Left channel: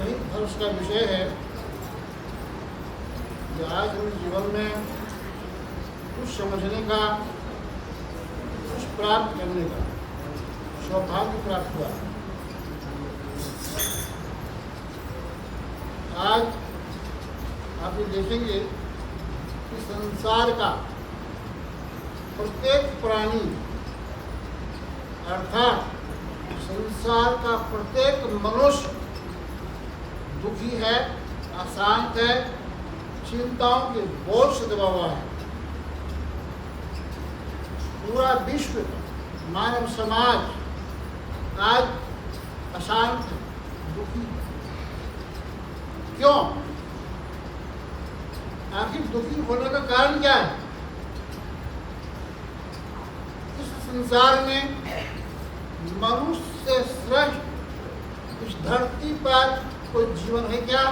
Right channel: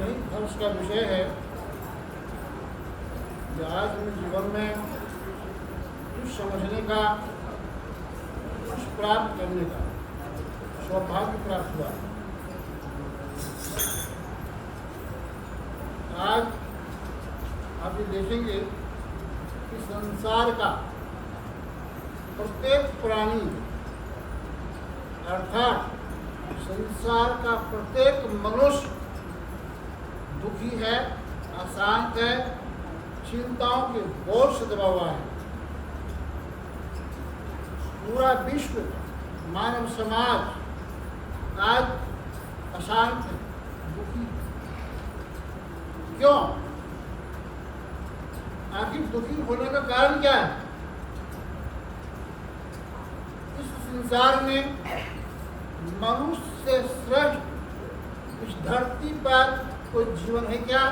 यही हर्ष का विषय है कि आज हमें जीवन में कुछ समझने का, कुछ प्राप्त करने का सौभाग्य प्राप्त हुआ। आज आप ये देखेंगे कि संसार का प्रत्येक प्राणी अर्थात संसार का प्रत्येक मनुष्य दुखी है, अशांत है, चिंताओं के बोझ से दबा हुआ है। पूरा विश्व, मानव समाज आज अशांत है, दुखी है। क्यों? आखिर दुखी होने का कारण क्या है? इस संसार में मनुष्य से श्रेष्ठ इस धरती पर कोई जीवन है क्या?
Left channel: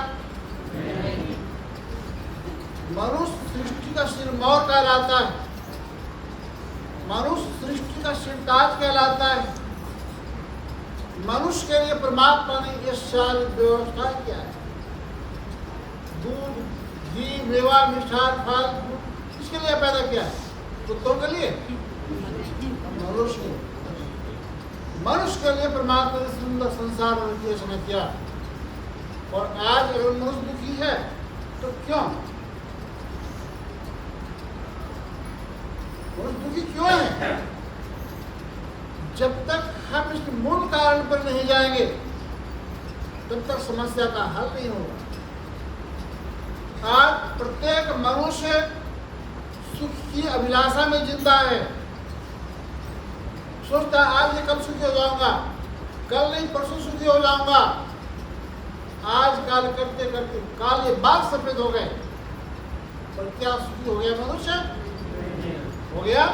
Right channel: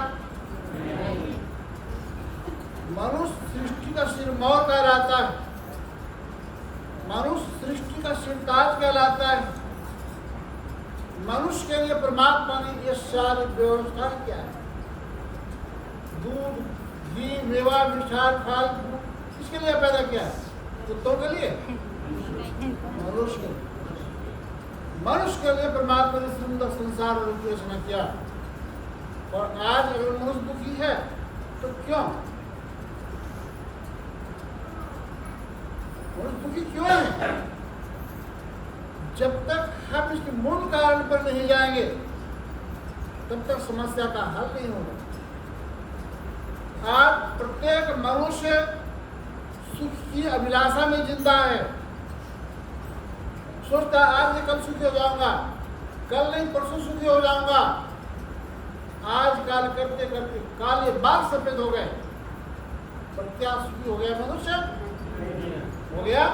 मनुष्य सृष्टि का सिरमौर कहलाता है, मनुष्य सृष्टि का सिरताज कहलाता है। मनुष्य के लिए परमात्मा ने ये सारी व्यवस्था किया है। दूध, घी, मेवा, मिष्ठान, फल, फ्रूट किसके लिए पैदा किया है? कुत्तों के लिए? मनुष्य के लिए। मनुष्य के लिए परमात्मा ने सुंदर संसार की रचना किया। और आज अगर मनुष्य दुखी है तो क्यों? मनुष्य दुखी क्यों है? जब तक हम इसके मूल कारण पर नहीं जाएंगे तब तक समस्या का हल नहीं होगा। आज प्रत्येक मनुष्य सुख की अभिलाषा में जिंदा है। सोचता है आज ये कल सुखी हो जाऊंगा, कल नहीं परसों सुखी हो जाऊंगा। आज काल करते करते काले बाल सफेद हो गए, पर क्या सुखी हो गया मनुष्य? हो गया?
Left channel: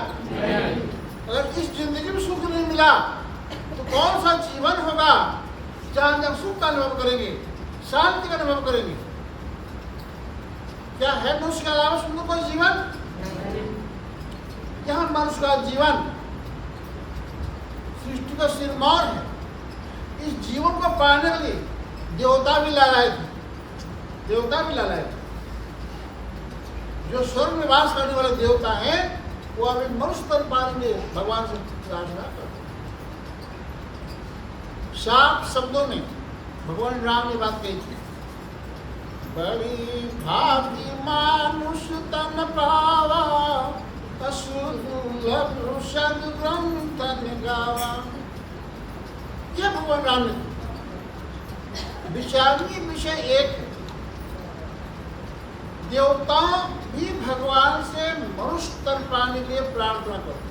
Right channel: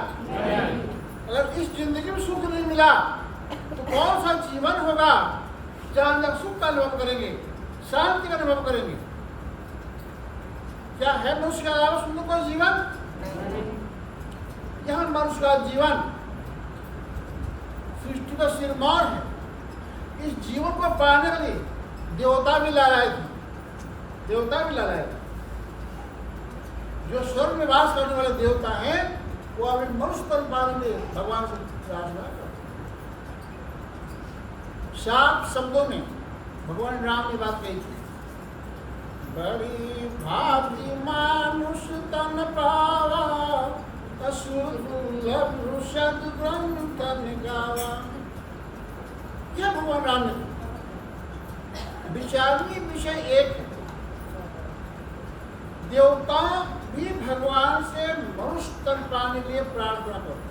अगर इस जिंदगी में सुख नहीं मिला तो कौन सा जीवन होगा जहां हम सुख का अनुभव करेंगे, शांति का अनुभव करेंगे? क्या है मनुष्य के अलावा सुंदर कोई जीवन? यह मनुष्य का जीवन सृष्टि का सिरमौर है। इस जीवन को पाने के लिए देवता भी लालायित थे। देवता भी लालायित थे। जो स्वर्ग में वास करने वाले देवता हैं वो अभी मनुष्य तन पाने में भगवान से प्रार्थना करते। साफ शब्दों में भगवान राम ने बात कही थी, बड़ी भागी मानुष तन पावा, असुदुर्लभ सद्ग्रंथ गावा। यह भगवान राम ने विचारणीय विषय एक है। देवता भी भगवान से मनुष्य तन पाने के लिए प्रार्थना करते,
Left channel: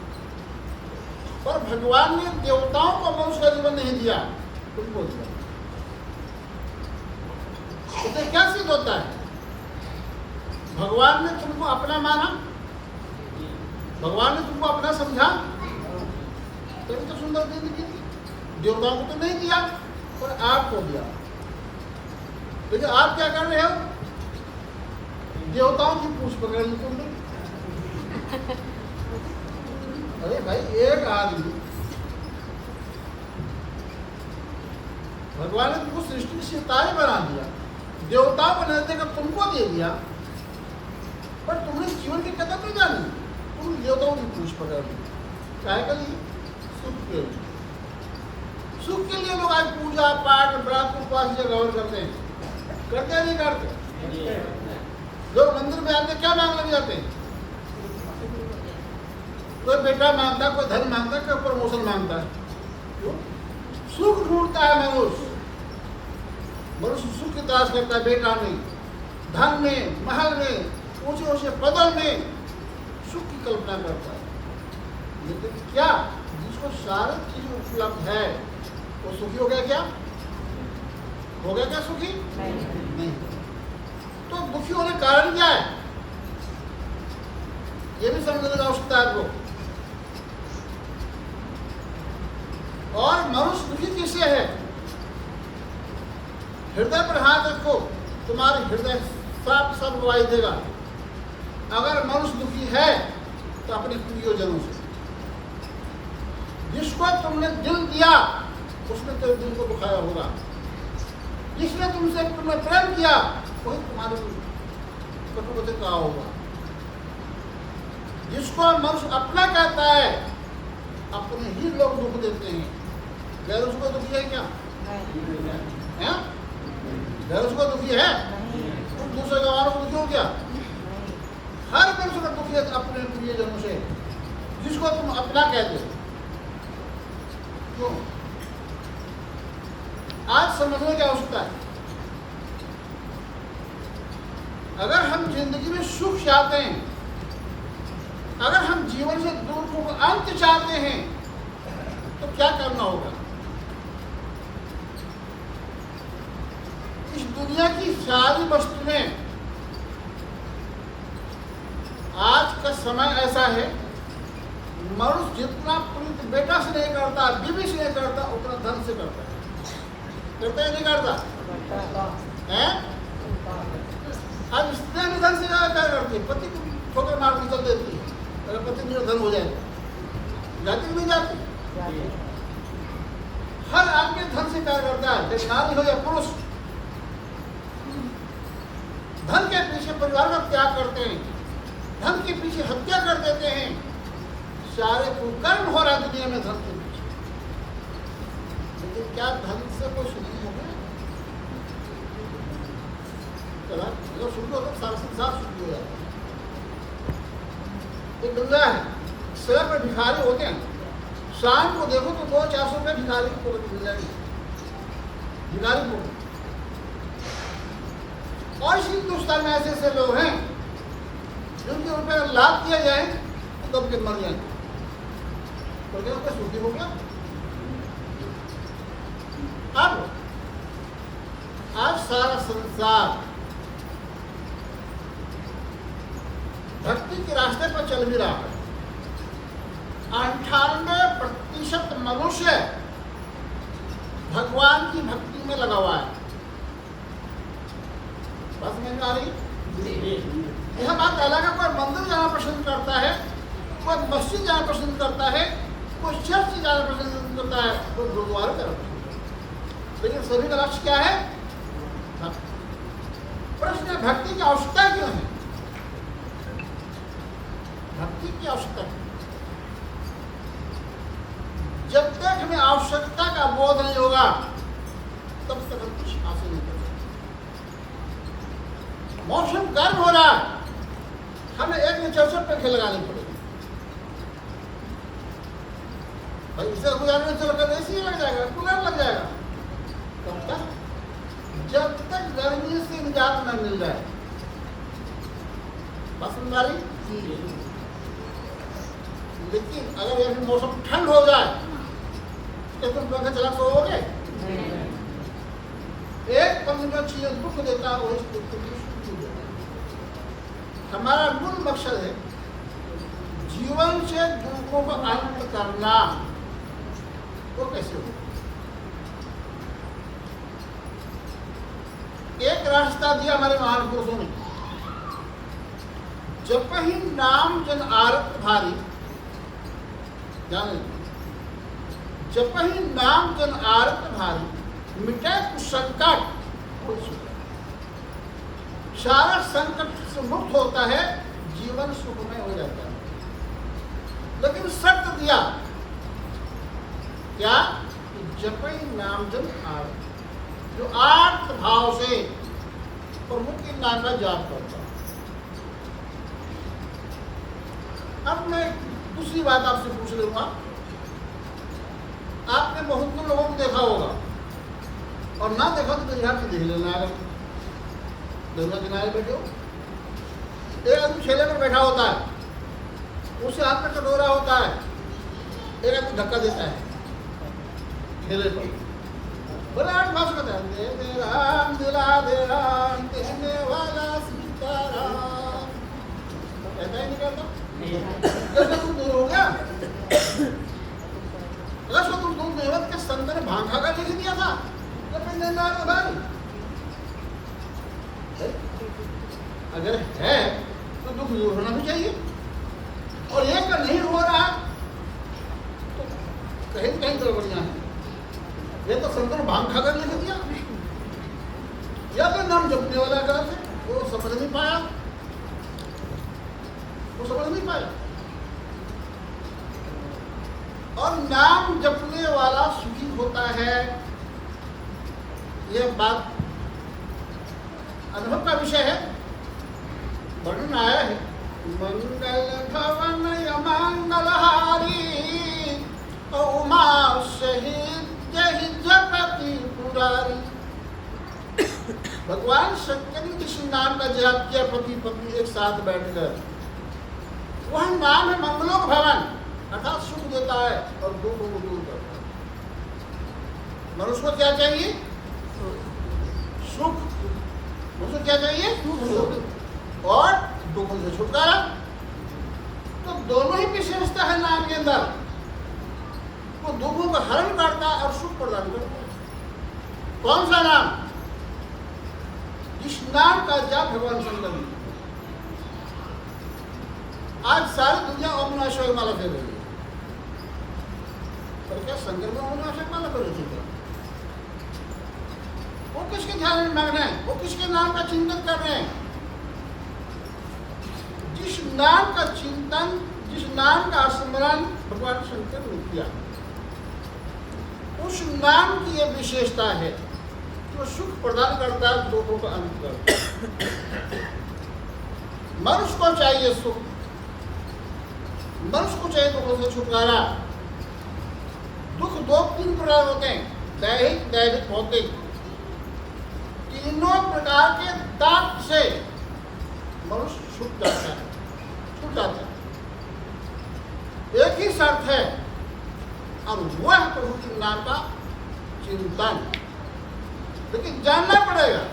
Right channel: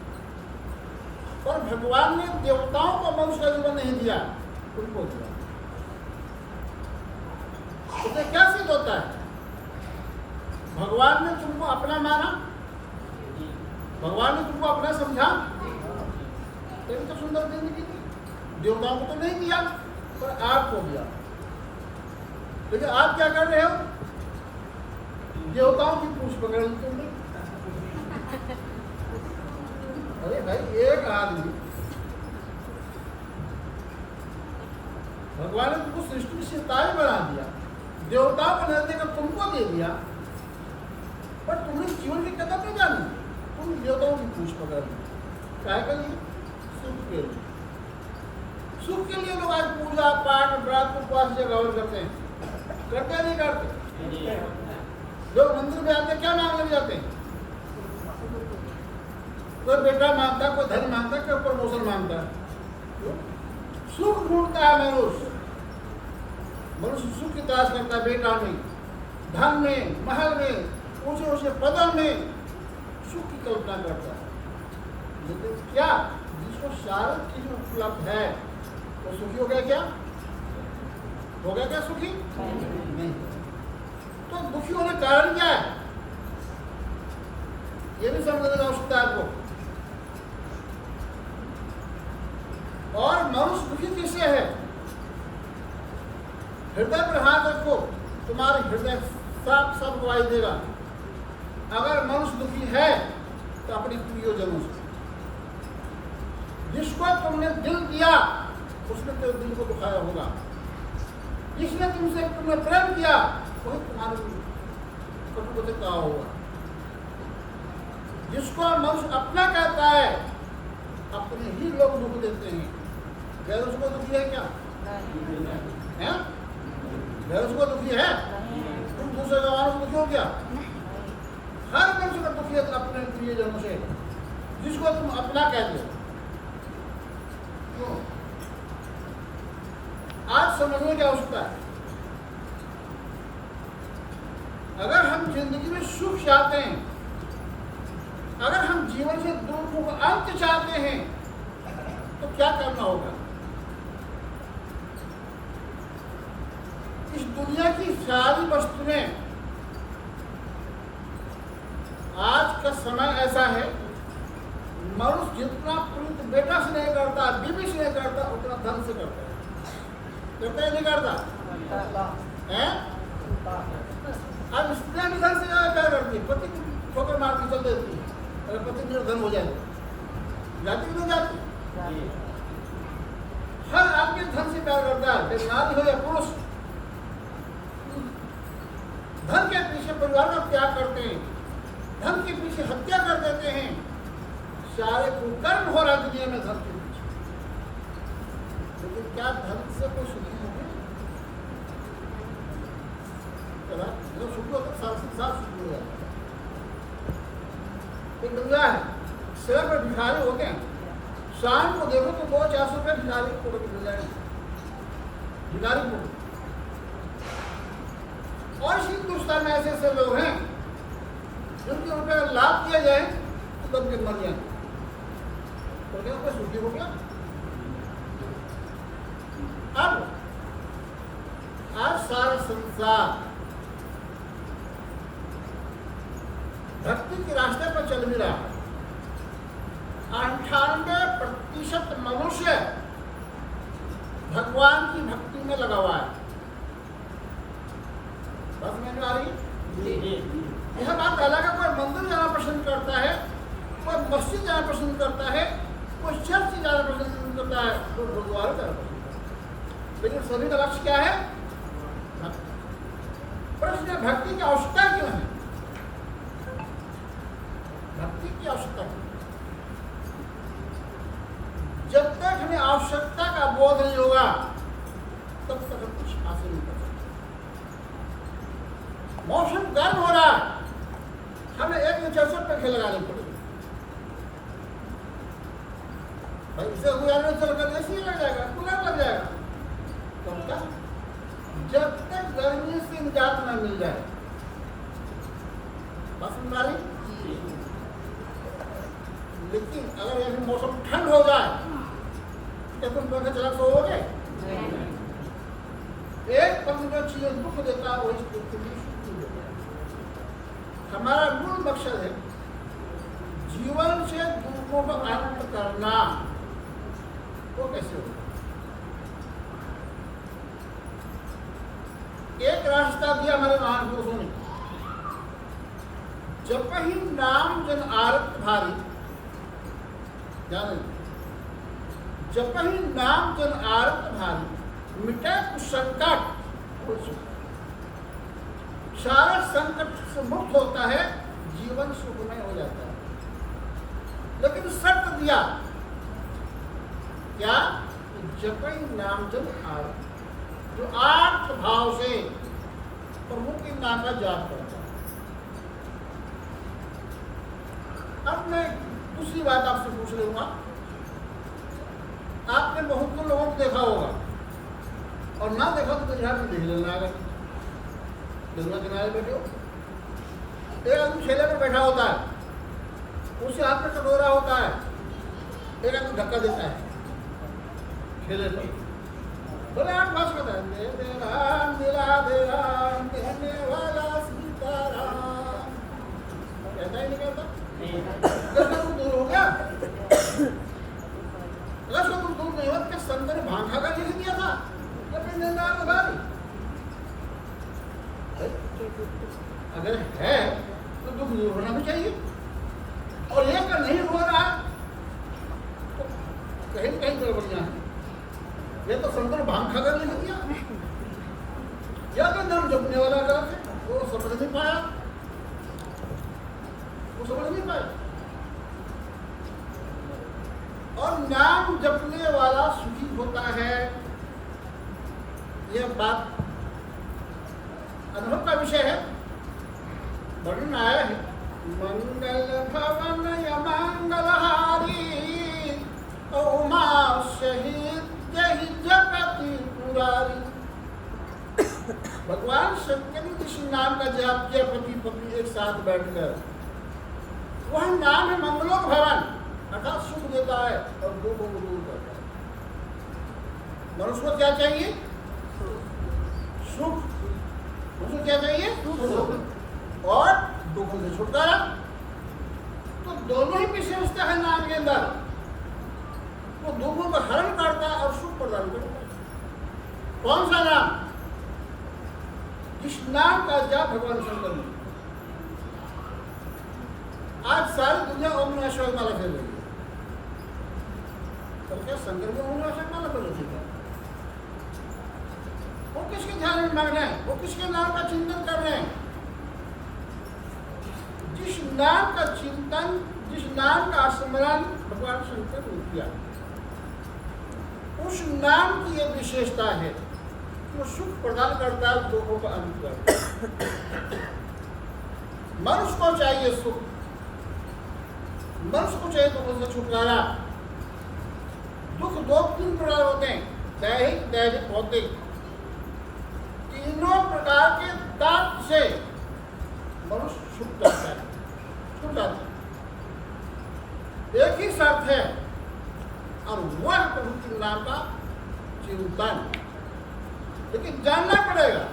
पर भगवान ने देवताओं को मनुष्य का जीवन नहीं दिया, तुमको दिया। इससे क्या सिद्ध होता है? भगवान ने तुमको अपना माना, भगवान ने तुमको अपना समझा, तभी तो सुंदर जिंदगी दी। देवताओं को तो नहीं दिया, पर आपको दिया। लेकिन आप क्या कर रहे हो? देवताओं की पूछ पकड़ ली तुमने। अरे भाई, एक आदमी, भगवान ने तुमको सृष्टि की सितारे बना दिया, देवताओं को नहीं देकर तुमको दे दिया, पर तुमने जीवन की कदर नहीं जानी। तुम देवताओं की पूछ पकड़ ली। क्या के लिए? सुख के लिए। सुख के लिए लोग आज पूजा पाठ, व्रत, उपवास जगह करते हैं। करते नहीं करते? लोग मंदिर में आते क्या मांगने जाते हैं? कोई बेटा मांगता, कोई धन मांगता, कोई प्रमोशन मांगता है। क्यों? सुख ढूंढता है मनुष्य। मनुष्य सुख की तलाश करता है, बेटा में, धन में, महल में, ऊंचे ऊंचे पदों में सुख की कल्पना करता है। लेकिन क्या जिसको सारी चीज उपलब्ध है वो सुखी हो गया क्या? हो गया क्या सुखी? नहीं। तो दुखी होने का कारण क्या है? ये भी समझने की आवश्यकता है आपको। और मनुष्य दुखी किससे है? हृदय पर हाथ रखो, तुम्हारे हृदय साफ सब गवाही देगा। अगर मनुष्य दुखी है तो अपने प्रियजनों से, जिसको तुमने दिल दिया उसने तेरे दिल को दुखाया होगा। जिसने तुमसे तुम्हें प्रेम किया वही तुम्हारे कटुवचन कहा होगा। जिसको मनुष्य अपना कहता है अपने ही लोग दुख देते हैं। गैर उसको दुखी है क्या? हैं? गैर उसको दुखी है? तुम दूसरे जवानों को दुखी हो क्या? हर मनुष्य का दुखी है अपने प्रियजनों से जिसको तुम अपना कहते हो। क्यों? आज समझने की आवश्यकता है। अगर हम जिंदगी में सुख चाहते हैं, अगर हम जीवन से दुखों का अंत चाहते हैं तो क्या करना होगा? इस दुनिया की सारी वस्तुएं, आज का समय ऐसा है मनुष्य जितना प्रीत बेटा से नहीं करता, बीवी से नहीं करता, उतना धन से करता है। करता है नहीं करता है? अब स्त्री भी धन से ज्यादा प्यार करती है, पति को ठोकर मार के चल देती है। अगर पति मेरा धन हो जाएगा, जाती कि नहीं जाती? हर आदमी धन से प्यार करता है, चाहे नारी हो या पुरुष। धन के पीछे परिवार का त्याग करते हैं, धन के पीछे हत्या कर देते हैं। सारे कुकर्म हो रहा है दुनिया में धन के पीछे। लेकिन क्या धन से कोई सुखी हो गया? जो सुखी होता है सारा संसार सुखी हो जाता है। एक दुनिया है, सड़क पर भिखारी होते हैं, शाम को देखो तो 200-400 रुपये भिखारी को मिल जाएगी, भिखारी को। और इसी हिंदुस्तान में ऐसे ऐसे लोग हैं जिनके रुपये लाभ किया जाए तो दब के मर जाएंगे। तो क्या कोई सुखी हो गया? अब आज सारा संसार भक्ति के रास्ते पर चल भी रहा है। 98% मनुष्य भगवान की भक्ति में लगा हुआ है। बस में आ रही यह बात अलग है। कोई मंदिर जाना पसंद करता है, कोई मस्जिद जाना पसंद करता है, कोई चर्च जाना पसंद करता है, कोई गुरुद्वारे जाना पसंद करता है। लेकिन सभी का लक्ष्य क्या है? प्रश्न है भक्ति की आवश्यकता क्यों है? भक्ति की आवश्यकता है। जब तक हमें आवश्यकता का बोध नहीं होगा तब तक हम कुछ हासिल नहीं कर सकते। मौसम गर्म हो रहा है, हमें एक में 400 पंखे लगाने पड़ेंगे। भाई इसे गुजारने में चलकर ऐसी लग जाएगा, कूलर लग जाएगा। कब तक? जब तक गर्मी से निजात न मिल जाए। पसंद आ रही? लेकिन अगर यह मौसम ठंड हो जाए तो तुम पंखा चला सोओगे? एक पंखे का चीज दुख देता है वही हमारा मूल मकसद है जीवन से दुखों का अंत करना। वो कैसे होगा? एक रास्ता दिया हमारे महान पुरुषों ने, जब ही नाम जन आरत भारी, जाने जब ही नाम जन आरत भारी, मिटे कुछ संकट, सारा संकट से मुक्त होता है, जीवन सुखमय हो जाता है। लेकिन शर्त दिया क्या? जपई नाम जन आर्त, जो आर्त भाव से प्रभु के नाम का जाप करता है। अब मैं दूसरी बात आपसे पूछ लूंगा। आपने बहुत लोगों को देखा होगा, और ना देखा तो यहाँ पे देख लेना। अगर गंगा किनारे बैठे हो, एक आदमी ठेले पर बैठा होता है, उसके हाथ में कटोरा होता है, एक आदमी धक्का देता है ठेले पर, बड़े आठ भाष कहता है, दे दे राम दिला दे राम देने वाला सीताराम। कहता ही नहीं कहता? कैसे तुम दूर हो गया? अगर तुम दूर नहीं हो तो संत ने भांग खा कर लिख दिया था भाई? अगर है तो दुख दूर होना भी चाहिए, और ये अगर नहीं हो रहा तो कहीं कहीं गड़बड़ियां हैं। ये तो संत ने भांग खाकर लिख दिया। या तो नाम जपने वाला गलत है, वो समझ नहीं पाया, वो समझ नहीं पाया। और नाम जपने वाला सुखी होता है, यह बात अनुभव का विषय है। वर्णन आया है, मंगल भवन मंगलहारी उमा शहीद जपति पुरारी। भगवान शंकर ने किसी नाम का जाप किया, पति पत्नी एक साथ बैठकर। वह नाम है मंगलोक भवन, अर्थात सुख देता है और दुखों को दूर करता है। मनुष्य को क्या चाहिए? सुख। मनुष्य को क्या चाहिए? सुख और दुखों से छुटकारा। तो दोनों ही विशेषता है नाम के अंदर। वो दुखों का हरण करता है और सुख प्रदान करता है। कौन सा नाम? जिस नाम का जाप भगवान शंकर ने। आज सारी दुनिया ओम नमः शिवाय माला फेर रही है, पर क्या शंकर में ओम नमः शिवाय माला फेर रही है? वो किसके ध्यान में मग्न है? वो किसके नाम का चिंतन कर रहे हैं? जिस नाम का चिंतन, जिस नाम का स्मरण भगवान शंकर ने किया, उस नाम की यह विशेषता है कि वो सुख प्रदान करता है, दुखों का अंत करता है। मनुष्य को चाहिए सुख, मनुष्य को चाहिए दुखों से छुटकारा। दुख दो तीन प्रकार होते हैं, दैहिक, दैहिक, भौतिक। तीनों प्रकार के ताप से मनुष्य छूट जाता है, छूट जाता है। एक ही शर्त है, और वह प्रभु के नाम का चिंतन। लेकिन जानना पड़ेगा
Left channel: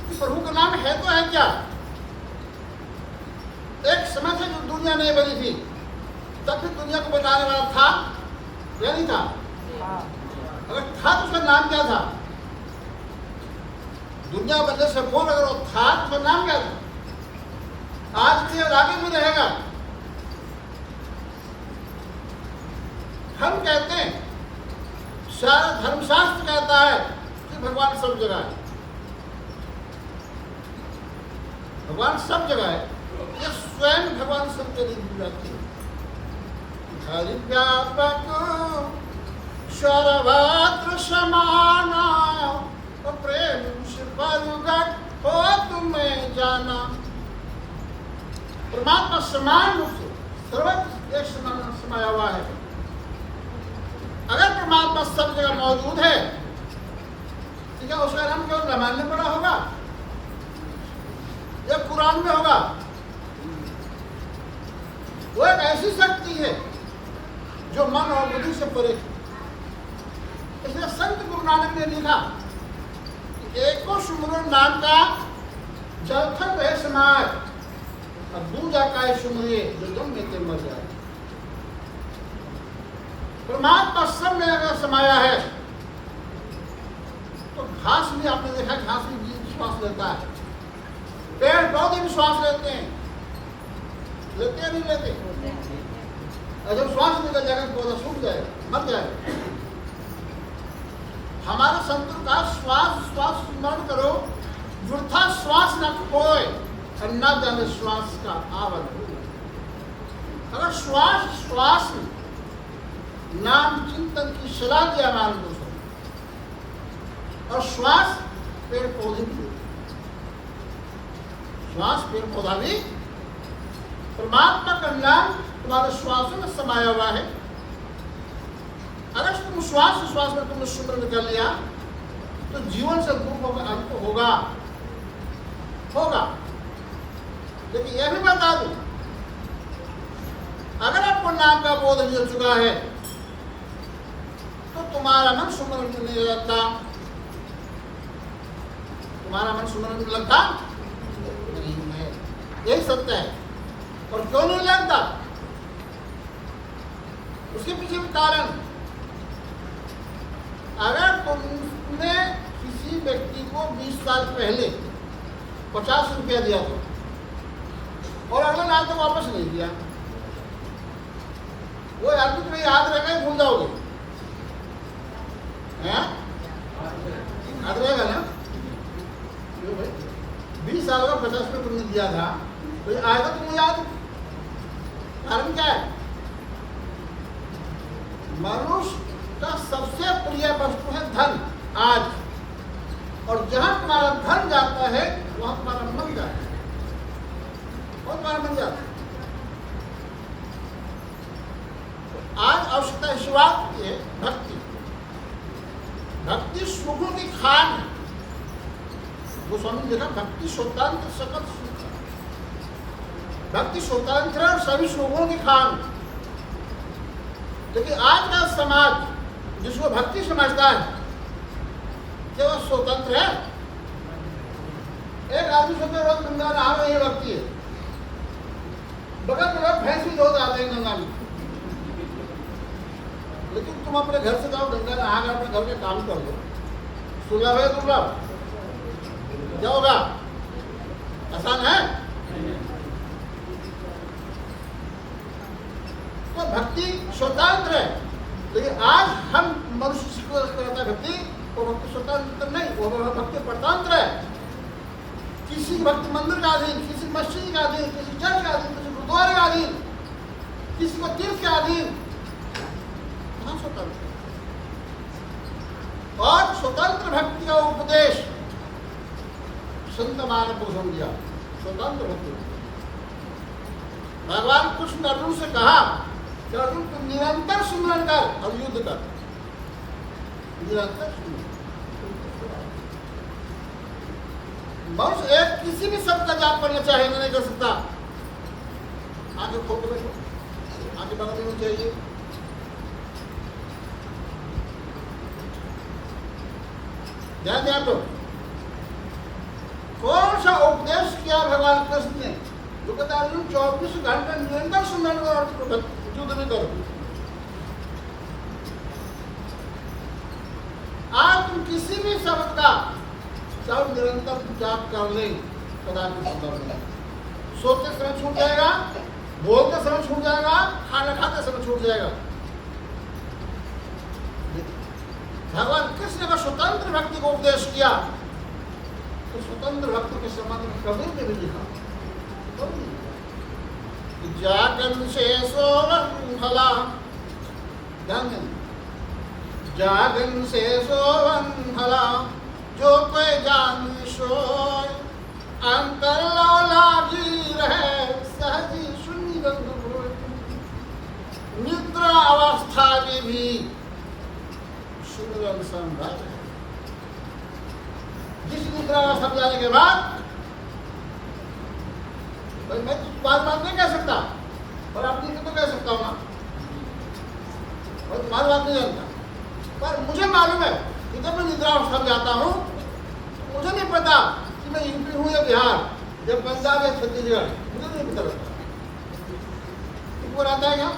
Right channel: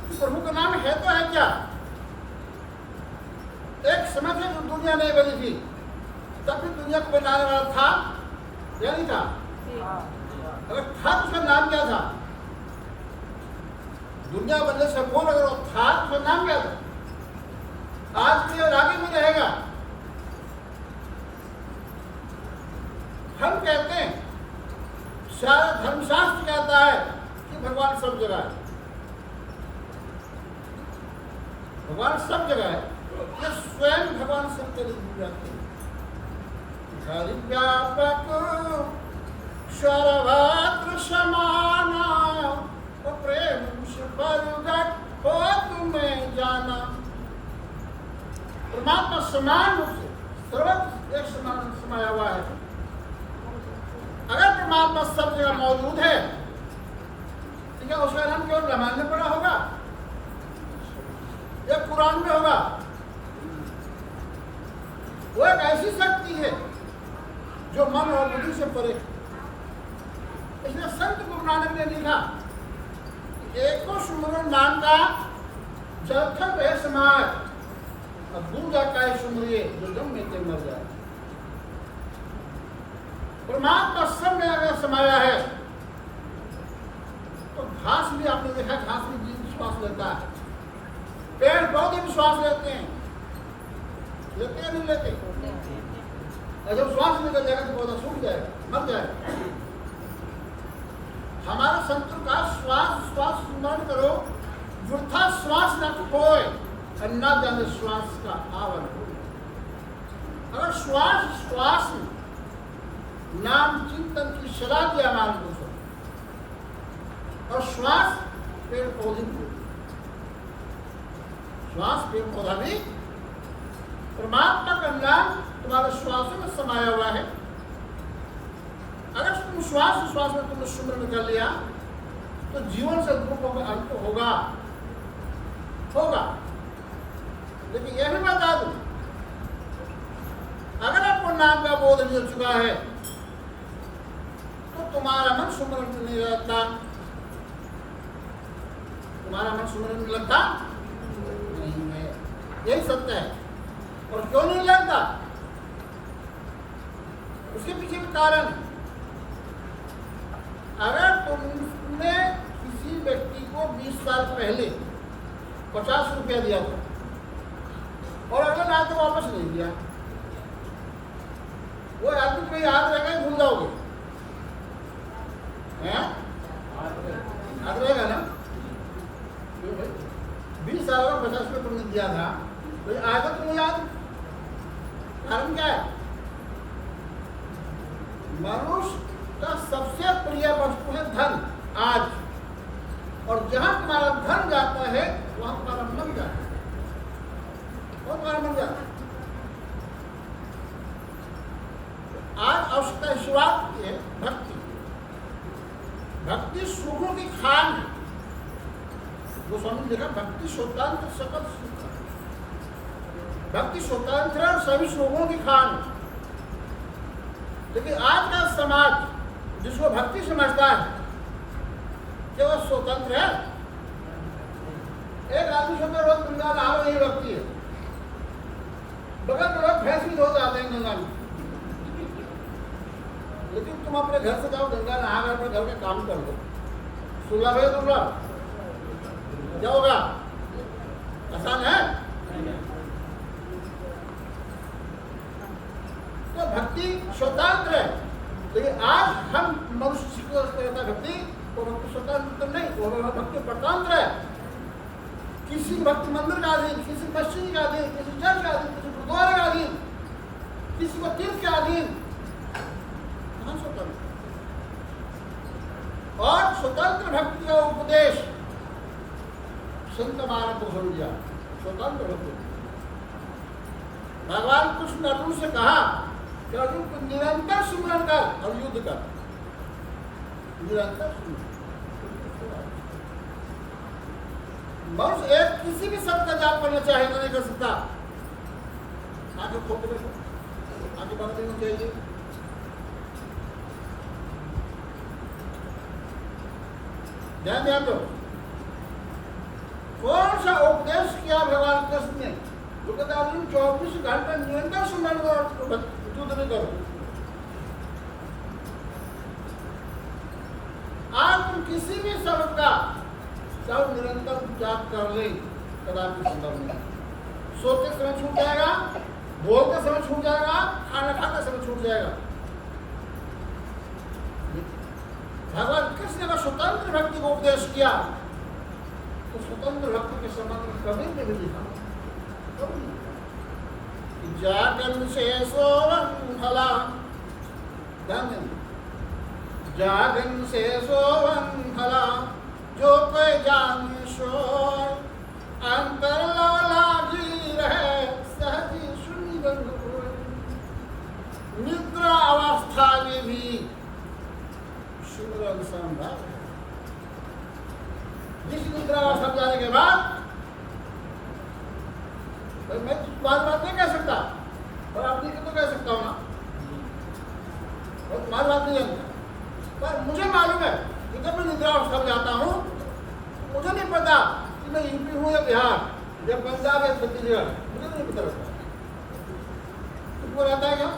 कि प्रभु का नाम है तो है क्या। एक समय था जब दुनिया नहीं बनी थी, तब भी दुनिया को बनाने वाला था या नहीं था? अगर था तो उसका नाम क्या था? दुनिया बनने से पूर्व अगर वो था तो उसका नाम क्या था? आज भी और आगे भी रहेगा। हम कहते हैं, सारा धर्मशास्त्र कहता है कि भगवान सब जगह है। भगवान सब जगह है, ये स्वयं भगवान सब जगह जाते हैं। हरि व्यापक सर्वत्र समाना, प्रेम से परगट हो तुम्हें जाना। परमात्मा समान रूप से सर्वत्र एक समान समाया हुआ है। अगर परमात्मा सब जगह मौजूद है तो क्या उसका नाम केवल रामायण में पढ़ा होगा या कुरान में होगा? वो एक ऐसी शक्ति है जो मन और बुद्धि से परे। इसलिए संत गुरु नानक ने लिखा, एको सुमरन नाम का जलथल रहे समाय, अब दूजा का सुमरिए जो दम में ते मर जाए। परमात्मा सब में अगर समाया है तो घास भी, आपने देखा घास भी जीव श्वास लेता है, पेड़ पौधे भी श्वास लेते हैं, लेते हैं नहीं लेते? और जब श्वास निकल जाएगा तो पौधा सूख जाएगा, मर जाएगा। हमारे संतों का श्वास श्वास स्मरण करो, वृथा श्वास न खोए और न जाने श्वास का आवन हो। अगर श्वास श्वास नाम चिंतन की सलाह दिया हमारे दोस्तों, और श्वास पेड़ पौधे भी, श्वास पेड़ पौधा भी, परमात्मा का नाम तुम्हारे श्वास में समाया हुआ है। अगर तुम श्वास में तुमने सुमरन कर लिया तो जीवन से दुखों का अंत होगा, होगा। लेकिन यह भी बता दूं, अगर आपको नाम का बोध मिल चुका है तो तुम्हारा मन सुमरन में नहीं लगता, तुम्हारा मन सुमरन में लगता नहीं है। यही सत्य है। और क्यों नहीं लगता? उसके पीछे भी कारण। अगर तुमने किसी व्यक्ति को 20 साल पहले 50 रुपया दिया था और अगले साल तक वापस नहीं दिया, वो आदमी तुम्हें याद रहेगा, भूल जाओगे? याद रहेगा ना? क्यों भाई? 20 साल का 50 में तुमने दिया था, तो आएगा तुम्हें याद? कारण क्या है? मनुष्य का सबसे प्रिय वस्तु है धन आज, और जहां तुम्हारा धन जाता है वहां तुम्हारा मन जाता है, और तुम्हारा मन जाता है। आज आवश्यकता शुरुआत की है भक्ति। भक्ति सुखों की खान है। गोस्वामी ने लिखा भक्ति स्वतंत्र सकल सुख है। भक्ति स्वतंत्र और सभी सुखों की खान है। लेकिन आज का समाज जिसको भक्ति समझता है क्या वो स्वतंत्र है? एक आदमी सोचते रोज गंगा नहा रहे, ये भक्ति है। बगल में लोग भैंस भी धो जाते हैं गंगा में, लेकिन तुम अपने घर से जाओ, गंगा नहा कर अपने घर के काम कर लो, सुलभ है दुर्लभ? क्या होगा? आसान है? तो भक्ति स्वतंत्र है। लेकिन आज हम मनुष्य को करता है भक्ति, वो भक्ति स्वतंत्र नहीं, वो भक्ति परतंत्र है। किसी भक्ति मंदिर का अधीन, किसी मस्जिद का अधीन, किसी चर्च का अधीन, किसी गुरुद्वारे का अधीन, किसी को तीर्थ के अधीन। स्वतंत्र और स्वतंत्र भक्ति का उपदेश संत मानव पुरुषों ने दिया। स्वतंत्र भक्ति भगवान कृष्ण अर्जुन से कहा कि अर्जुन को निरंतर सुमरन कर और युद्ध कर। निरंतर सुमरन। मनुष्य एक किसी भी शब्द का जाप करना चाहे नहीं कर सकता। आगे खोल के बैठो, आगे बगल में चाहिए। ध्यान दिया तो कौन सा उपदेश किया भगवान कृष्ण ने? जो कहता है 24 घंटे निरंतर सुमरन करो, युद्ध भी करो। आज तुम किसी भी शब्द का चाहे निरंतर जाप कर ले, कदापि संभव नहीं। सोते समय छूट जाएगा, बोलते समय छूट जाएगा, खाना खाते समय छूट जाएगा। भगवान कृष्ण ने स्वतंत्र भक्ति को उपदेश किया, तो स्वतंत्र भक्ति के संबंध में कबीर ने भी लिखा, जागन से सोवन भला। ध्यान दें, जागन से सोवन भला, जो कोई जान सोय, अंतर लागी रहे सहजी सुनी रंग होय। निद्रा अवस्था में भी सुमिरन संभव है। जिस निद्रा अवस्था में जाने के बाद मैं बात नहीं कह सकता, और अपनी तो कह सकता हूँ ना, और तुम्हारी बात नहीं जानता, पर मुझे मालूम है कि जब मैं निद्रा अवस्था में जाता हूँ तो मुझे नहीं पता कि मैं यूपी हूँ या बिहार या पंजाब या छत्तीसगढ़, मुझे नहीं पता रहता। तुमको रहता है क्या?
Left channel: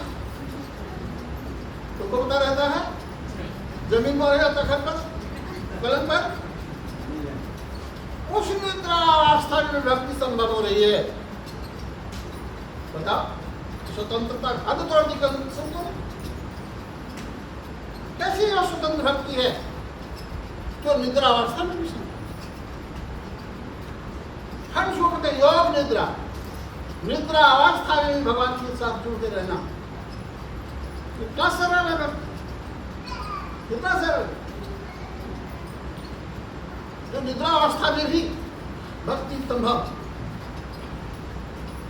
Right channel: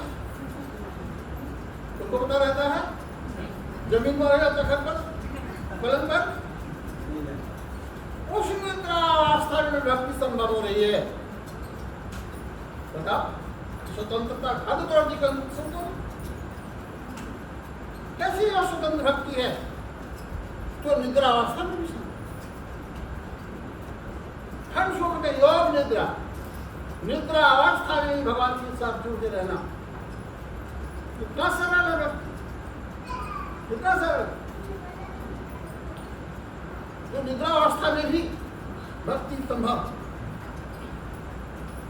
तुमको पता रहता है? जमीन पर रहेगा तखत पर, पलंग पर? उस निद्रा अवस्था में भक्ति संभव हो रही है। बताओ, स्वतंत्रता हद तोड़ दी सबको। कैसी वह स्वतंत्र भक्ति है जो निद्रा अवस्था में भी संभव? हम जो कहते योग निद्रा, निद्रा अवस्था में भी भगवान के साथ जुड़ते रहना, कितना सरल है भक्ति, कितना सरल। जो निद्रा अवस्था में भी भक्ति संभव,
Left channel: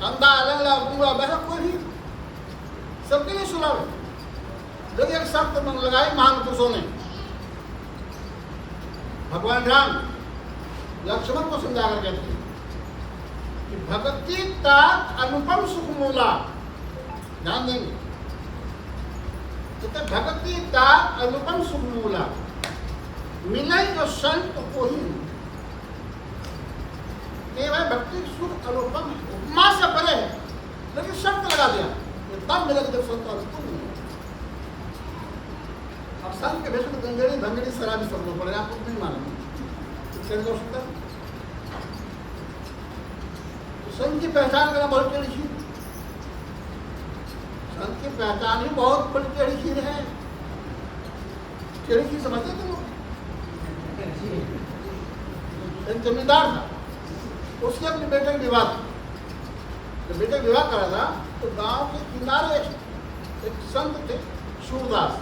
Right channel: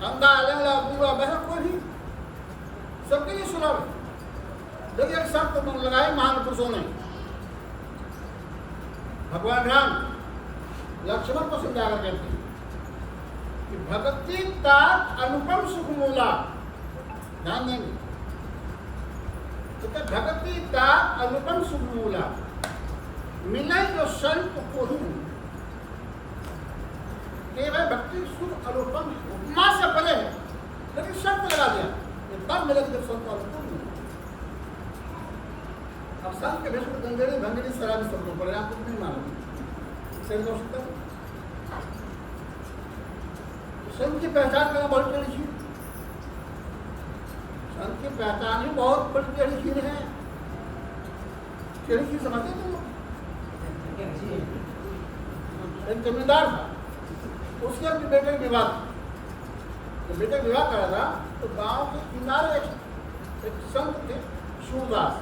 अंधा लंगड़ा गूंगा बहरा कोई भी सबके लिए सुलभ है। देखिए एक शर्त मन लगाई महान पुरुषों ने। भगवान राम लक्ष्मण को समझा कर कहते हैं कि भक्ति का अनुपम सुख मूला। ध्यान देंगे, कहते भक्ति का अनुपम सुख मूला, मिले जो संत को ही। केवल भक्ति सुख अनुपम है, उपमा से परे है, लेकिन शर्त लगा दिया तब मिलेगा जब संत अनुकूल मिलेगा। अब संत के भेष में गंगड़ी भंगड़ी शराबी सब लोग पड़ेगा, आपको नहीं मालूम संत की पहचान करना बहुत टेढ़ी चीज। संत की पहचान ही बहुत बड़ी टेढ़ी चीज है। टेढ़ी चीज समझते तुम? एक जमींदार था, उसके अपने बेटे का विवाह था। जब बेटे का विवाह करा था तो गांव के किनारे एक संत थे, सूरदास,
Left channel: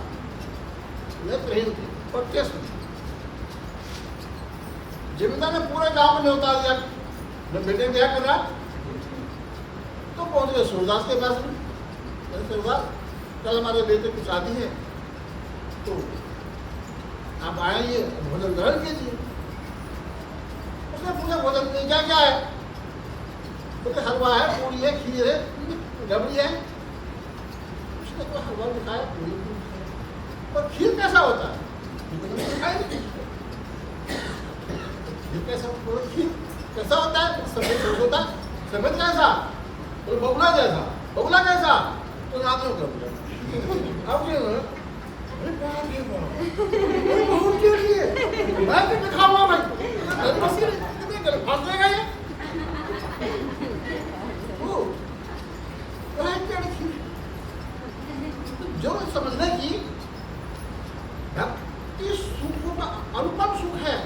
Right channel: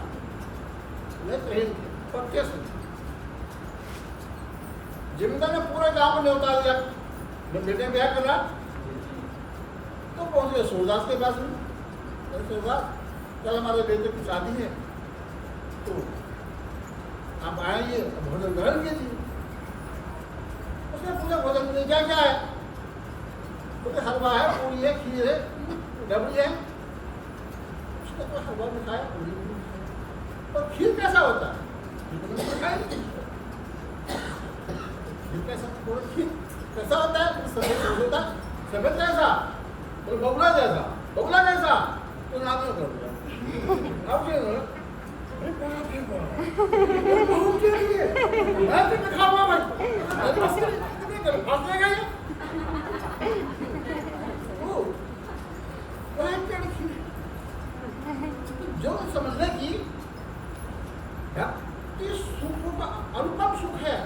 नेत्रहीन थे, पट्टे से। जमींदार ने पूरे गांव में न्योता दिया। जब बेटे क्या कर रहा तो पहुंच गए सूरदास के पास में। सूरदास, कल हमारे बेटे की शादी है, तो आप आएंगे, भोजन ग्रहण कीजिए। उसने पूछा भोजन में क्या क्या है? बोले हलवा है, पूरी है, खीर है, रबड़ी है। उसने तो हलवा भी खाया, पूरी भी खाया, और खीर कैसा होता है? खीर कैसा होता है? सफेद होता है। सफेद कैसा? बोले बगुला जैसा। बगुला कैसा? तो नाथों का बोला। अब क्या? अरे बाप रे बाप, अरे बहुत के लिए मैं तो दिखाऊंगा भाई, अरे बस कितने कर फंस जाएगा ये। ओ जो समझने की भक्ति सुख का अनुपम सुख है,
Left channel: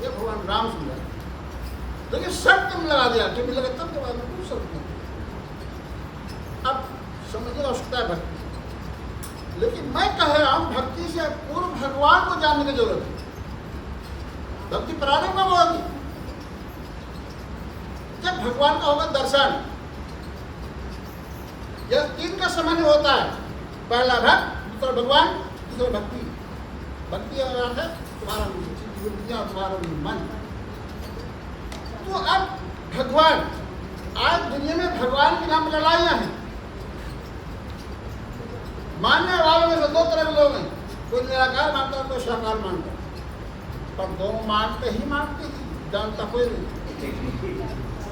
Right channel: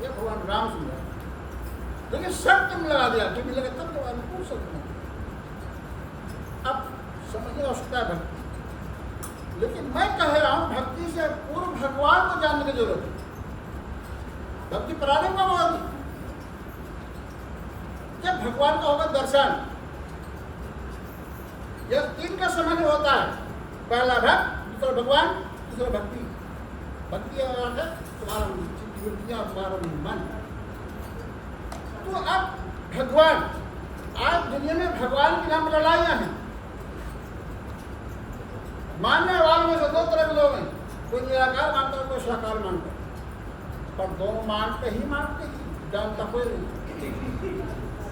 ये भगवान राम सुंदर, लेकिन शर्त में लगा दिया, जो मिलेगा तब के बाद अनुकूल शर्त नहीं। अब समझने की आवश्यकता है भक्ति, लेकिन मैं कह रहा हूं भक्ति से पूर्व भगवान को जानने की जरूरत है। भक्ति प्रारंभ कब होगी? जब भगवान का होगा दर्शन। यह तीन का समय होता है, पहला भक्त, दूसरा भगवान, तीसरा भक्ति। भक्ति अर्थ है तुम्हारा बुद्धियां, तुम्हारा मन। तो अब भगवान, आज दुनिया में भगवान के नाम लड़ाइयां हैं। मानने वालों में से दो तरह के लोग हैं, कोई निराकार मानता है, कोई साकार मानता है, पर दोनों मानते ही, जानता कोई नहीं,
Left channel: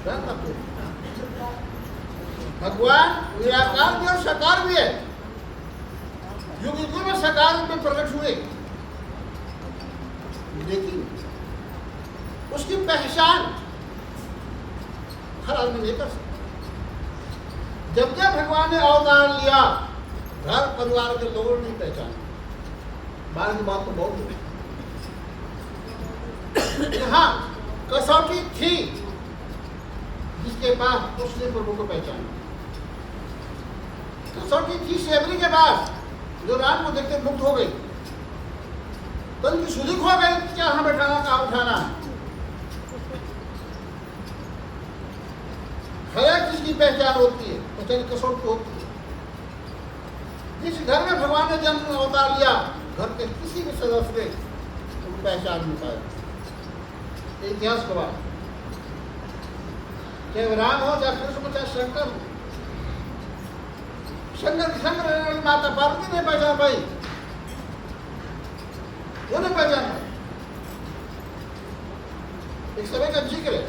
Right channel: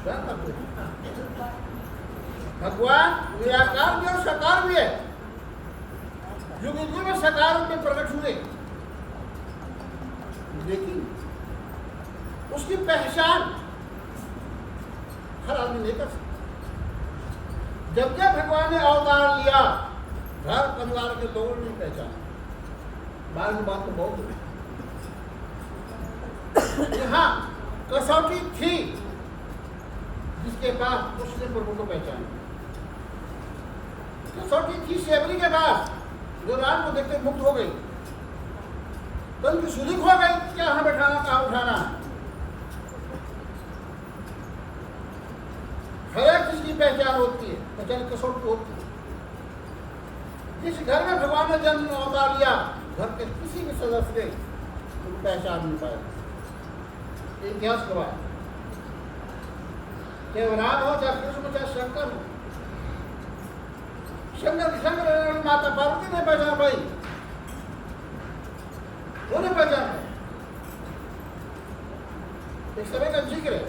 जानता कोई नहीं। भगवान निराकार भी और साकार भी है, युग युग में साकार में प्रकट हुए, लेकिन उसकी पहचान हर आदमी नहीं कर सकता। जब जब भगवान ने अवतार लिया, घर परिवार के लोगों ने पहचाना। बाहर की बात तो बहुत है, यहाँ कसौटी थी, जिसके पास उसने प्रभु को पहचाना। कसौटी थी शेबरी के पास, जो राम को देखते मुक्त हो गई, तो उनकी सुधिक हो गई, क्या हमें बैठाना, कहाँ उठाना है। हर एक चीज की पहचान होती है, पहचान कसौटी होती है। जिस घर में भगवान ने जन्म अवतार लिया, घर के किसी भी सदस्य ने उनको पहचान नहीं पाया। इतिहास गवाह, चाहे राम हो, चाहे कृष्ण हो, चाहे शंकर हो। शंकर माता पार्वती ने पहचान पाई, वो नहीं पहचान पाई। एक समय का जिक्र है,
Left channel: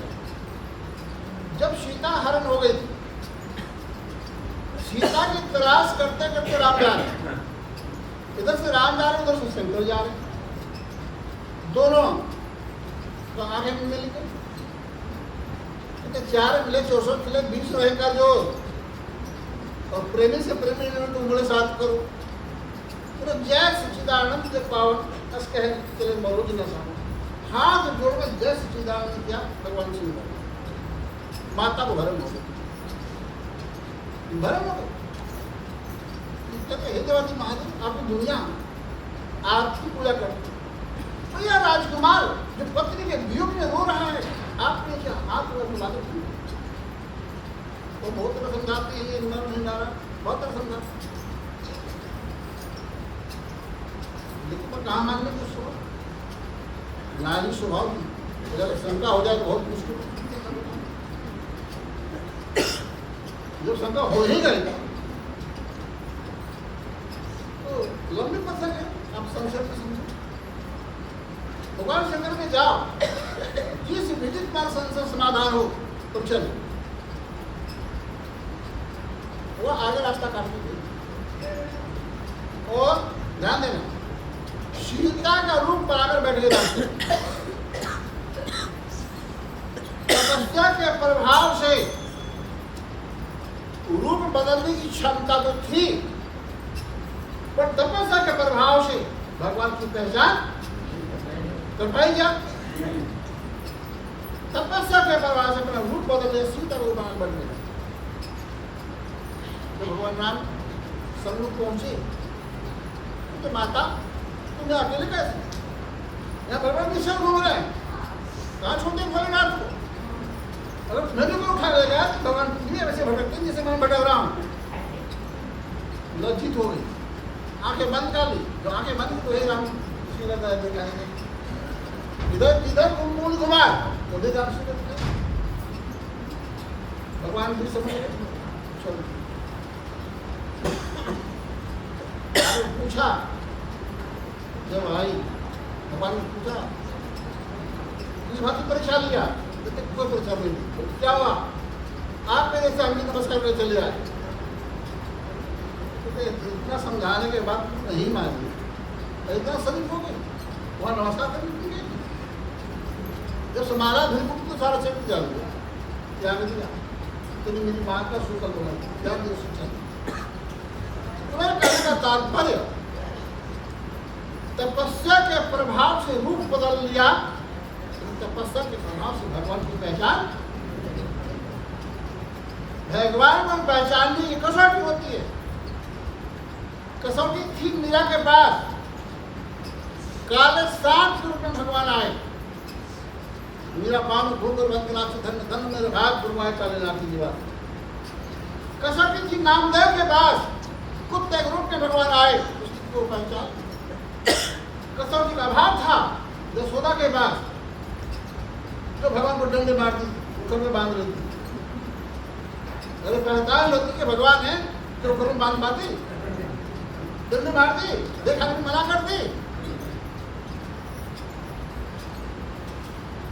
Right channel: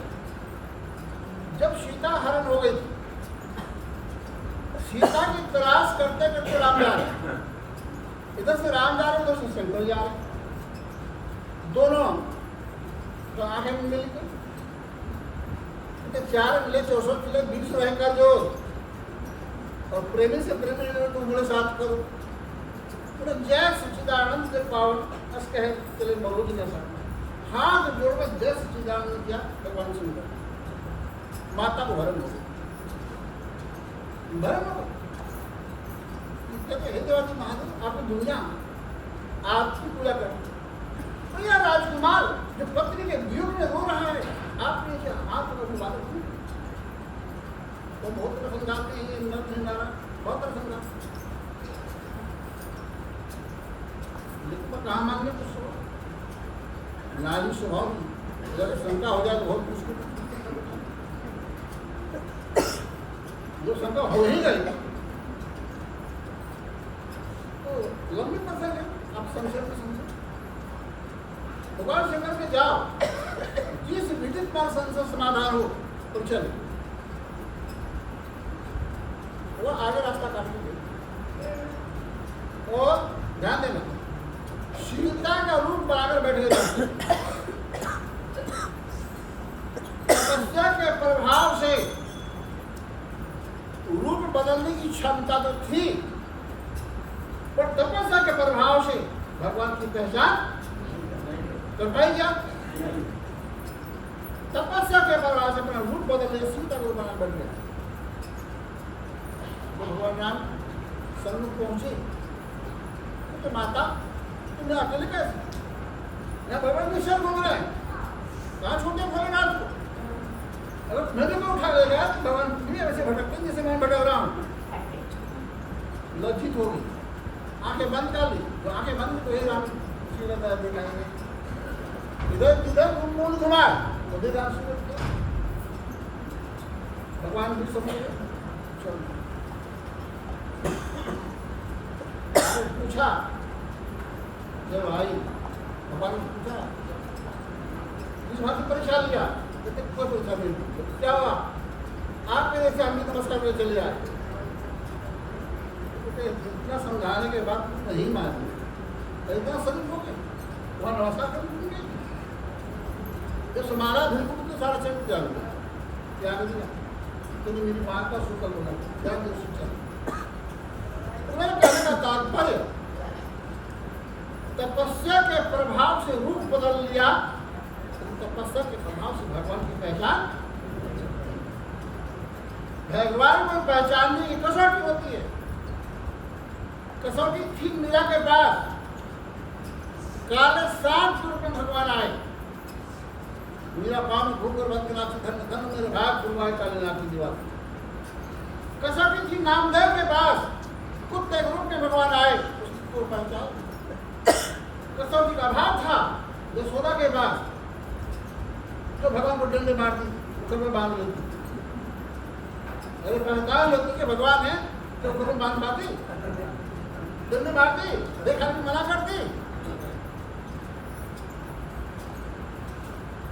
जब सीता हरण हो गई, सीता की तलाश करते करते राम जा रहे, इधर से राम जा रहे, उधर से शंकर जा रहे, दोनों तो आंखें मिल गई। चार मिले 64 किले 20 रहे का जो, और प्रेमी से प्रेमी तुम बड़े साथ करो, पूरा जय सच्चिदानंद के पावन अस कहे चले मौलूद न साथ हाथ जोड़कर जय सच्चिदानंद किया भगवान सुंदर। माता को भरम हो गई, भरम हो गई। हे देवाजी महादेव, आपकी दुनिया आपकी पूजा करती है। तो यह राजकुमार जो पत्नी के वियोग में रो रहा है, आपने क्या हाथ में बात की? वो बहुत तरह समझाते हैं, नर नहीं नारा, बहुत तरह समझाते, लेकिन पर कहाँ मानने को स्वभाव ना ही स्वभाव, अगर शंका हो जाए तो बहुत मुश्किल। जो शंका हो ही गई तो लंबी प्रसंग है, आप संशय में समझो। भगवान शंकर में जाओ, जिस विदित मार्ग संशय समाधान हो तुम चलो, वो आगे रास्ता काटती गई। और ध्यान देना, सीता का रूप बनाकर बैठ गए। तपस्या के प्रभाव से रूप बदलने की क्षमता तो थी, पर तपस्या के प्रभाव से भगवान की पहचान कर पाई क्या? तपस्या के प्रभाव से अपना रूप बदल सीता रूपान बन गए। तो भगवान राम सन्मुख पहुंचे तो माता तुम्हें अकेले कैसे, यहाँ भगवान निश्चय घूम रहे हैं, कहाँ छोड़ते भोलेनाथ को? अगर मैंने को उठा लेगा तो भगवान तुम्हें वैसे भटकते जैसे मैं भटक रहा हूँ। लज्जित हो गई, आंखें बंद कर ली। जो आंखें बंद तो हे राम दिखाएंगे, इधर इधर मूल घुमाए तो भी राम सूरत भगवान भी समझ गए। पूछा जब आई भगवान ने पूछा इस बात की परीक्षा लिया, कोई परीक्षा नहीं, क्या हुआ आप मेरे से अभी नमस्कार करके चले आए। इतना समझाने के बाद नहीं मानी, इतना सदुप हो गए वहां नमस्कार करने गए। जब समारा बिल्कुल तो सारा चेक जा गया, क्या दिया तो मेरी माँ का शुक्र बना ध्यान दे शिक्षा। तुम्हें कहने का तात्पर्य तपस्या के प्रभाव से रूप बदल लिया, तपस्या के प्रभाव से भगवान की पहचान, भगवान को पहचानने की कसौटी होती है। कसौटी थी मीरा के पास, काले सांप के रूप में भगवान आए। मीरा पान घूमकर बंदनाथ धन धन मेरे भाग गुरुआए काले नाथ की जीवा। कसौटी थी नामदेव के पास, कुत्ते के रूप में भगवान आए, उसको पहचान। कसौटी का अभाव था यशोदा के पास, तो भगवान को डंडे मारती, ऊपर में बांध लेती। अरे पहचान लेती कि भगवान है तो ऊपर में बांध पाती, डंडे मारती, देखा नहीं मना करती।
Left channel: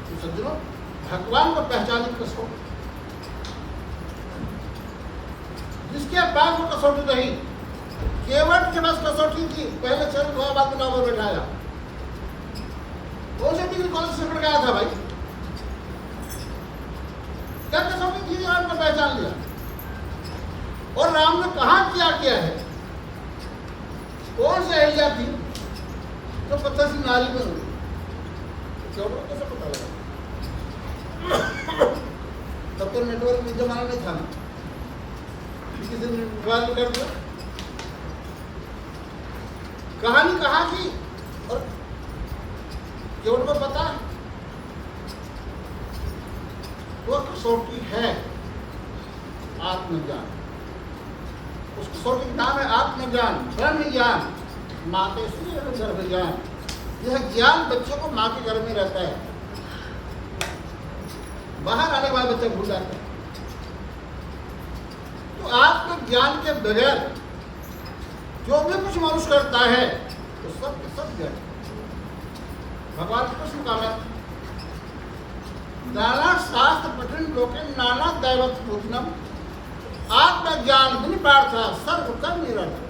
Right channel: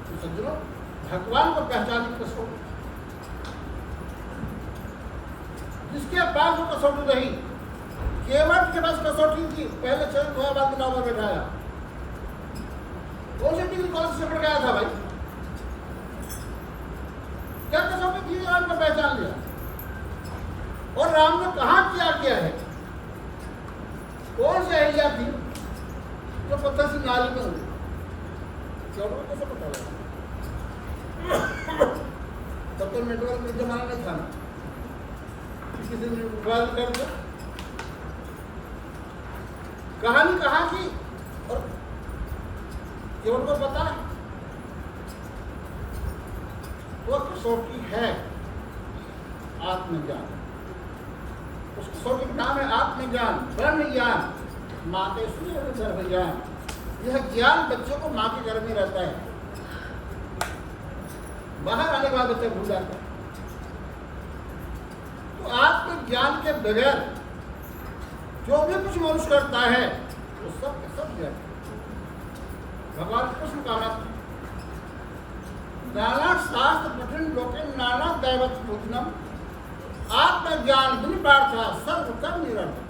तो सज्जनों, भगवान को पहचानने की कसौटी, जिसके पास वो कसौटी रही, केवट के पास कसौटी थी, पहले चरण धोया बाद में नाव बैठाया। कौन से डिग्री कॉलेज से पढ़ गया था भाई, क्या कसौटी थी राम को पहचान लिया। और राम ने कहा किया है, कौन सी अहिल्या थी जो पत्थर से नाली में हुई, कैसे पता लगा? तब तो नेटवर्क में जमाना नहीं था ना, किसी ने मोबाइल कर दिया, कहानी कहा की। और केवल को पता है वो कसौटी है आत्मज्ञान, उस कसौटी का नाम है आत्मज्ञान, ब्रह्म ज्ञान, माँ के गर्भ ज्ञान। यह ज्ञान बच्चों को माँ के गर्भ में रहता है, बाहर आने के बाद बच्चे भूल जाते हैं। तो आत्मज्ञान के बगैर जो भी कुछ मनुष्य करता है वो सब के सब ज्ञान। भगवान कृष्ण का मत, नाना शास्त्र पठन लोके नाना दैवत पूजनम, आत्मज्ञान दिन पार्था सर्व कर्म निरंतर।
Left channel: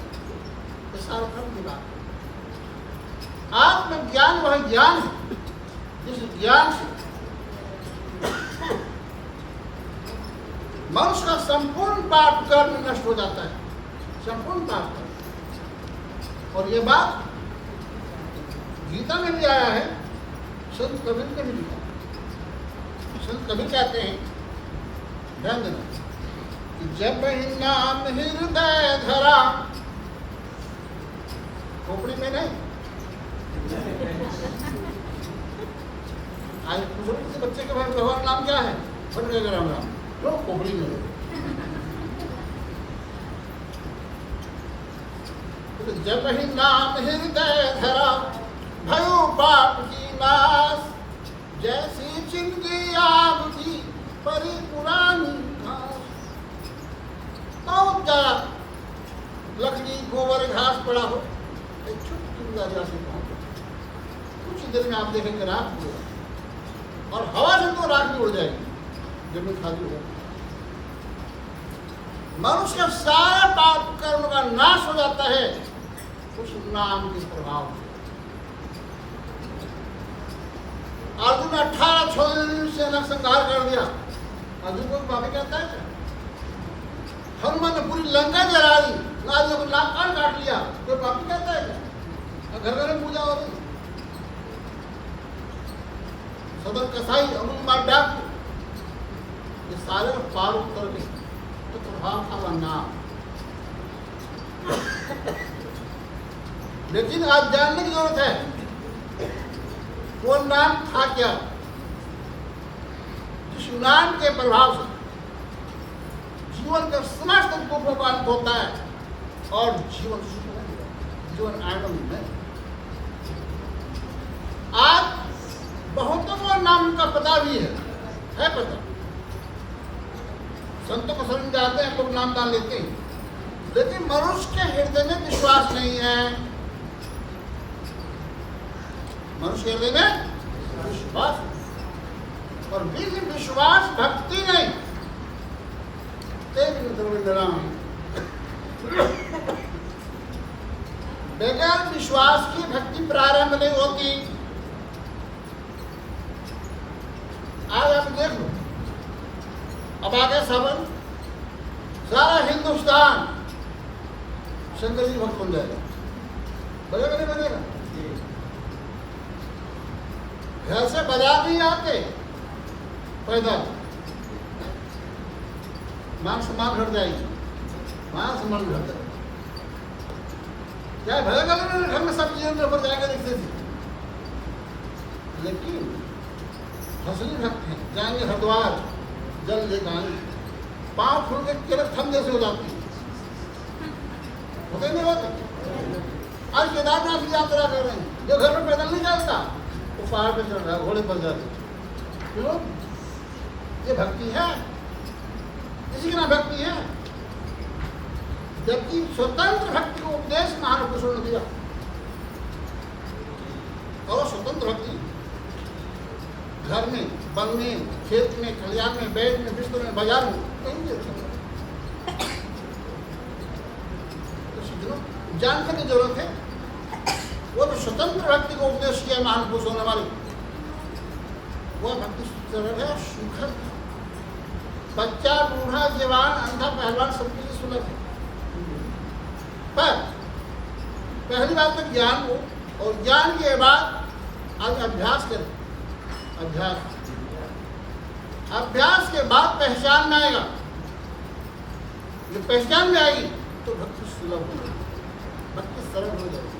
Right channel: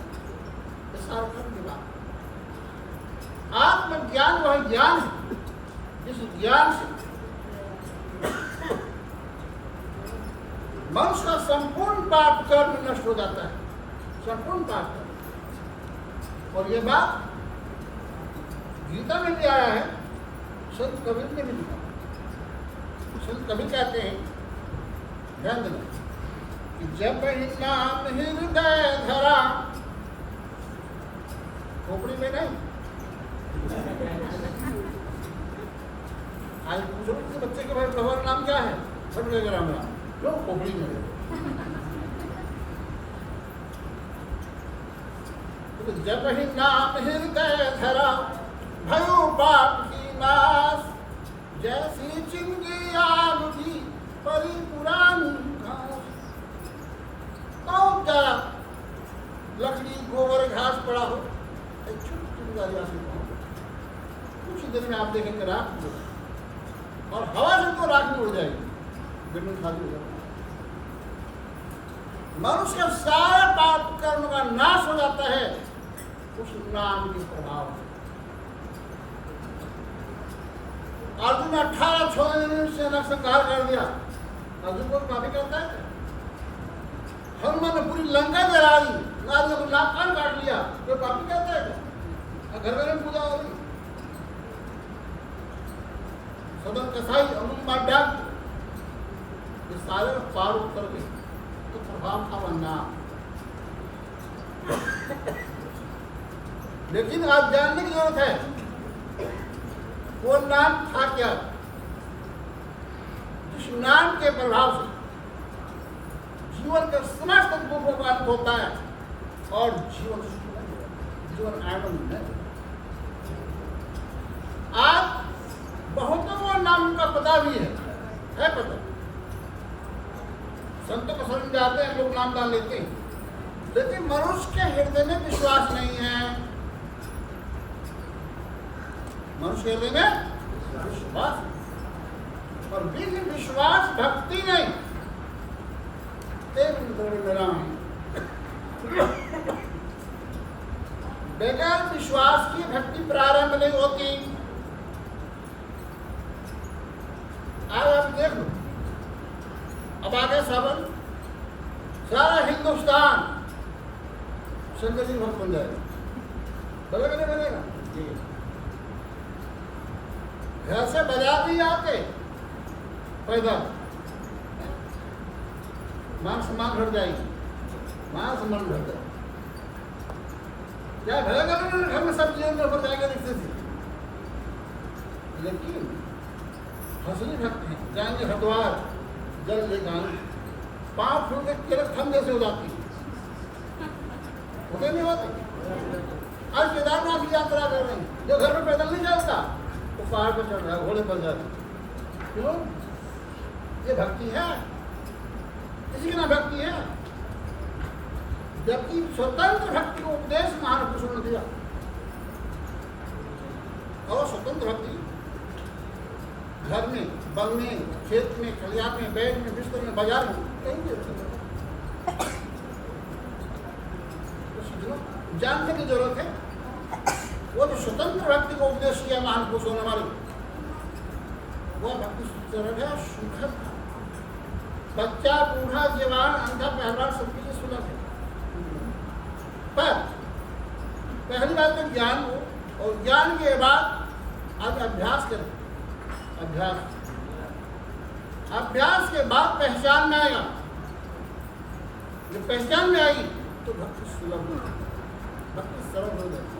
सारे कर्म की बात, आत्मज्ञान वह ज्ञान है जिस ज्ञान से मनुष्य का संपूर्ण पाप कर्म नष्ट हो जाता है, संपूर्ण पाप कर्म। और ये बात गीता में भी आया है, संत कबीर ने भी लिखा। संत कबीर कहते हैं, ध्यान देना, कि जब ही नाम हृदय धरा, खोपड़ी में नहीं, आज पूछो किसी बच्चे के भाई भगवान नाम क्या है, बन गए राम राम, क्यों खोपड़ी में है। तो जब ही नाम हृदय धरा, भयो पाप की नाश, जैसी जिंदगी आग थी परी पुरानी घास। बहुत ज्यादा लकड़ी गोबर घास पड़ा हो, एक छोटी से कुछ ही देर में आप देखेंगे राख हो जाएगी, और हवा से तो राख भी उड़ जाएगी, जमीन खाली हो जाएगी। मनुष्य के सारे पाप कर्म का नाश हो जाता है उस नाम के प्रभाव से। अर्जुन 18 छोड़ने से नरसंहार कर दिया, अर्जुन को माफी कहता है क्या? हनुमान ने पूरी लंका जला दी, नारियों को नाक कान काट लिया, कोई पापी कहता है क्या? घर घर में पूजा हो रही। सदन कसाई अंगुली मार डाक, ये सारे पार उतर गए तो प्रभाव था वह नाम। लेकिन आज जानने की जरूरत है वो नाम था क्या, जिस नाम के प्रभाव से जीवन के समस्त दुखों का अंत होता है और जीवन सुख है, जीवन आनंद है। आज बहुतों को नाम का पता भी है पता। संतों को समझ जाते हैं, लोग नाम दान लेते हैं, लेकिन मनुष्य के हृदय में विश्वास नहीं है। मनुष्य हृदय में विश्वास, और बिन विश्वास भक्ति नहीं। बगैर विश्वास की भक्ति प्रारंभ नहीं होती। आज आप देख लो, अब आगे सावन सारा हिंदुस्तान शंकर जी भक्त बन जाएगा, बनेगा नहीं बनेगा? घर से बाजार नहीं आते पैदल, मान सम्मान घट जाएगी, मान सम्मान घट जाएगी। क्या भरेगा ना घर में सब चीजों के ऊपर जाके दिखते थे, लेकिन असली भक्त हैं, जाएंगे हरिद्वार जल लेकर आएंगे, पांव फूल के केवल थम जैसे हो जाती है, होते नहीं होते। आज केदारनाथ की यात्रा कर रहे हैं, जो घर में पैदल नहीं चलता वो पहाड़ पर चढ़ रहा है, घोड़े पर जाते। क्यों? ये भक्ति है, किसी की ना भक्ति है। जबकि स्वतंत्र भक्ति को उपदेश महापुरुषों ने दिया, और स्वतंत्र भक्ति घर में, वन में, खेत में, खलिहान में, बेड में, बिस्तर में, बाजार में कहीं भी तो जानने की जरूरत है। वो तो स्वतंत्र भक्ति को उपदेश किया महापुरुषों ने हमारी, वह भक्ति सरल है, सुखद। बच्चा, बूढ़ा, जवान, अंधा, पहलवान सबके लिए सुलभ है। पर पहली बात तो ज्ञान हो, और ज्ञान के बाद आज अभ्यास करें। अभ्यास के बाद पहचान में आएगा। जब पहचान में आएगी तो भक्ति सुलभ हो जाएगी, भक्ति सरल हो जाएगी,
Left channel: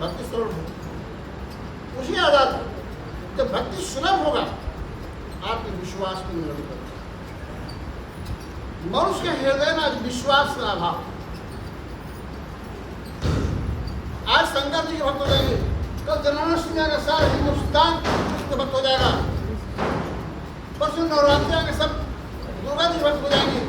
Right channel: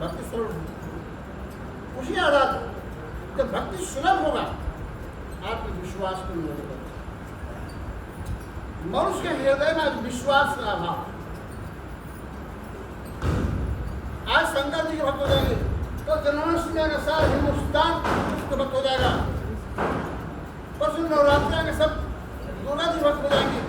भक्ति सरल हो। उसी आधार पर जब भक्ति सुलभ होगा आपके विश्वास को निर्भर करता है। मनुष्य के हृदय में आज विश्वास का अभाव। आज शंकर जी के भक्त हो जाएंगे, कल जन्माष्टमी आएगा, सारा हिंदुस्तान कृष्ण भक्त हो जाएगा, परसों नवरात्रि आएंगे, सब दुर्गा जी भक्त हो जाएंगे।